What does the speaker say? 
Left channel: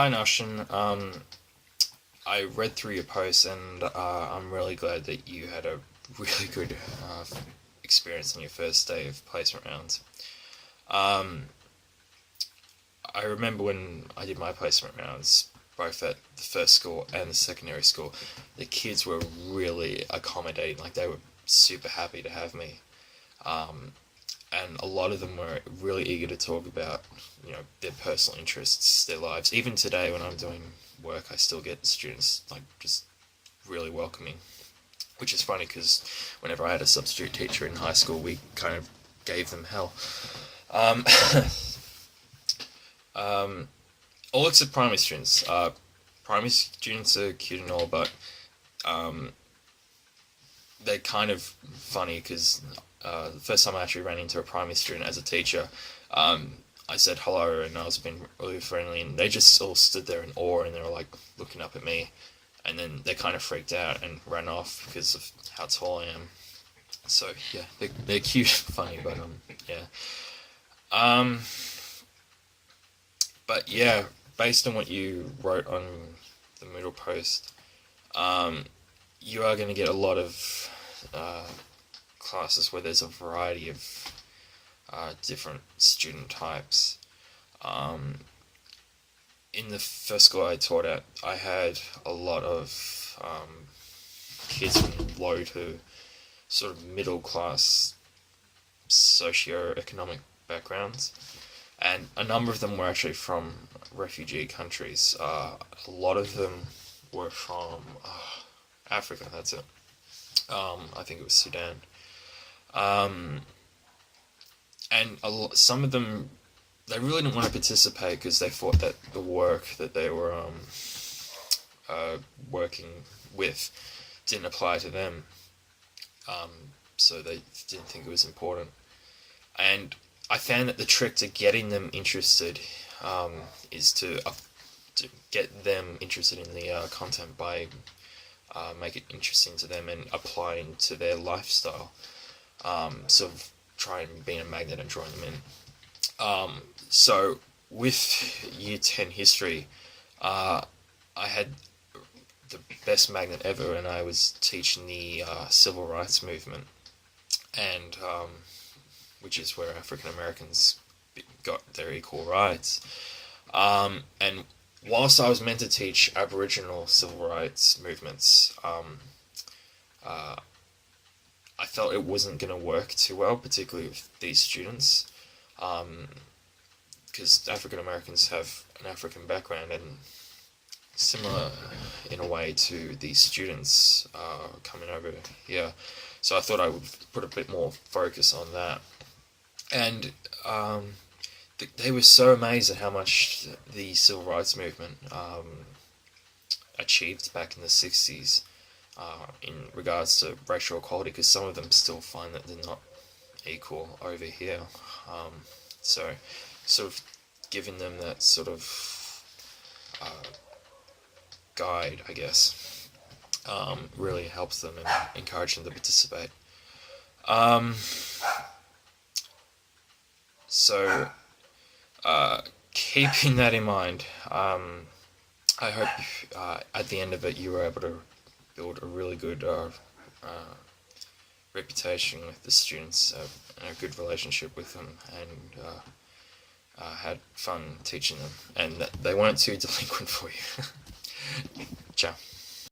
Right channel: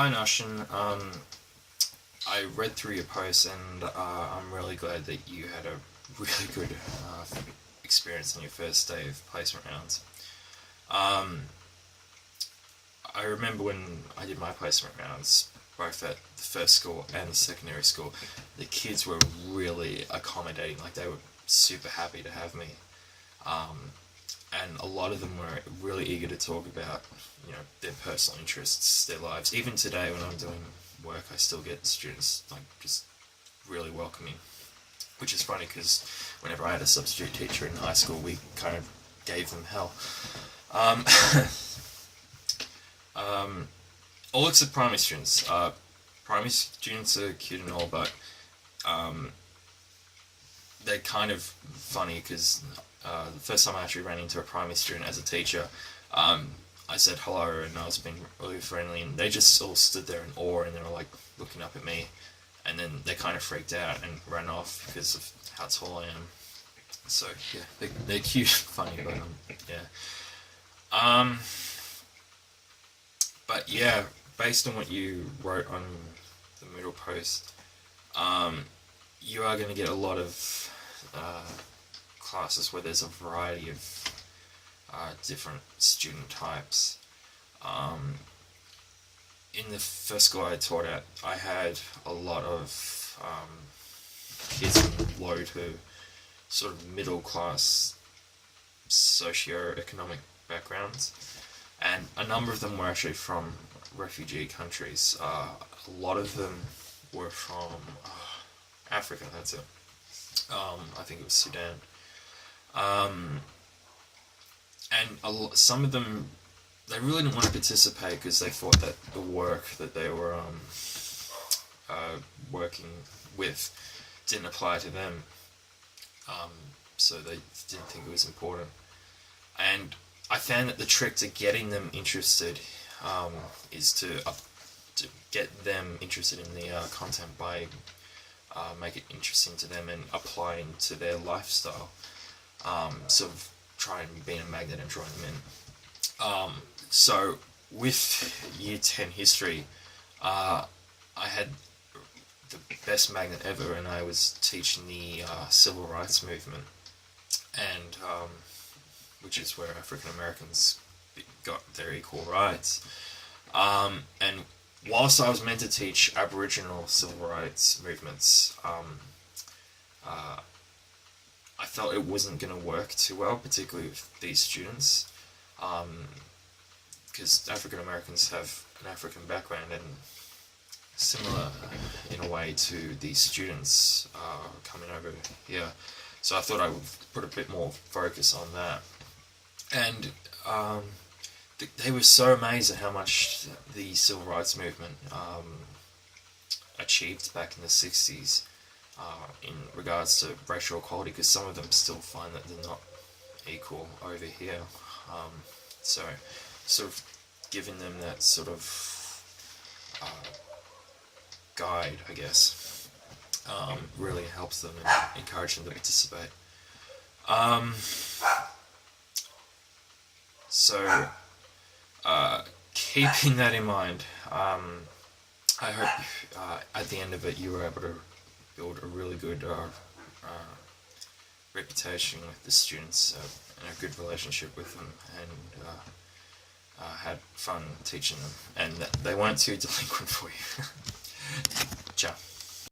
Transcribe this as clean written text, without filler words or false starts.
Hi Nushin, I read through your post and I'm really glad that you had a really good experience on your first day of placement rounds. Um, I remember when I did my placement rounds, both at the first school and the secondary school, the kids were really accommodating, like they were super happy to have me. Um, and a lot of them were really eager to talk about, their personal interests, their lives. Even today, when I'm doing work, I still get students like just really welcoming, which is funny because whenever I had a substitute teacher in high school, we kind of gave them hell. Um, all except primary students. Primary students are cute and all, but they're kind of funny because the first time I actually ran into a primary student as a teacher, I said hello and I was being really friendly, and they just all stood there in awe and they were like looking up at me, and then they kind of freaked out and ran off because of how tall I am. So yeah, they're cute, funny, but yeah. Um, but yeah, based on what you wrote on the Moodle post, you are going to get a lot of classes where there's a variety of different student types. In the first school I taught at, I had a lot of kids from low to sort of middle class socio-economic backgrounds, and a number of them were actually from refugee countries. A lot of them were from Africa, that's it. I think it was Sudan. And some of them, they really didn't want to participate because they thought that the work that they were working with didn't apply to them. So they didn't think it was important. And I found that the trick to getting them interested is to get them interested in the content by make it interesting to them and applying to their lifestyle. Sort of try and be a magnet and draw them in. So with Year 10 history, I had the best magnet ever, and I was teaching the civil rights movement, and which is where African Americans got their equal rights. And whilst I was meant to teach Aboriginal civil rights movements, I felt it wasn't going to work too well, particularly with these students, because African Americans have an African background and similar in a way to these students coming over here. So I thought I would put a bit more focus on that. And they were so amazed at how much the civil rights movement achieved back in the 60s. In regards to racial equality, because some of them still find that they're not equal over here. So sort of giving them that sort of guide, I guess, really helps them and encourages them to participate. So keeping that in mind, I hope at the end of it you were able to build a really good reputation with the students and a good relationship with them, and had fun teaching them, and that they weren't too delinquent for you.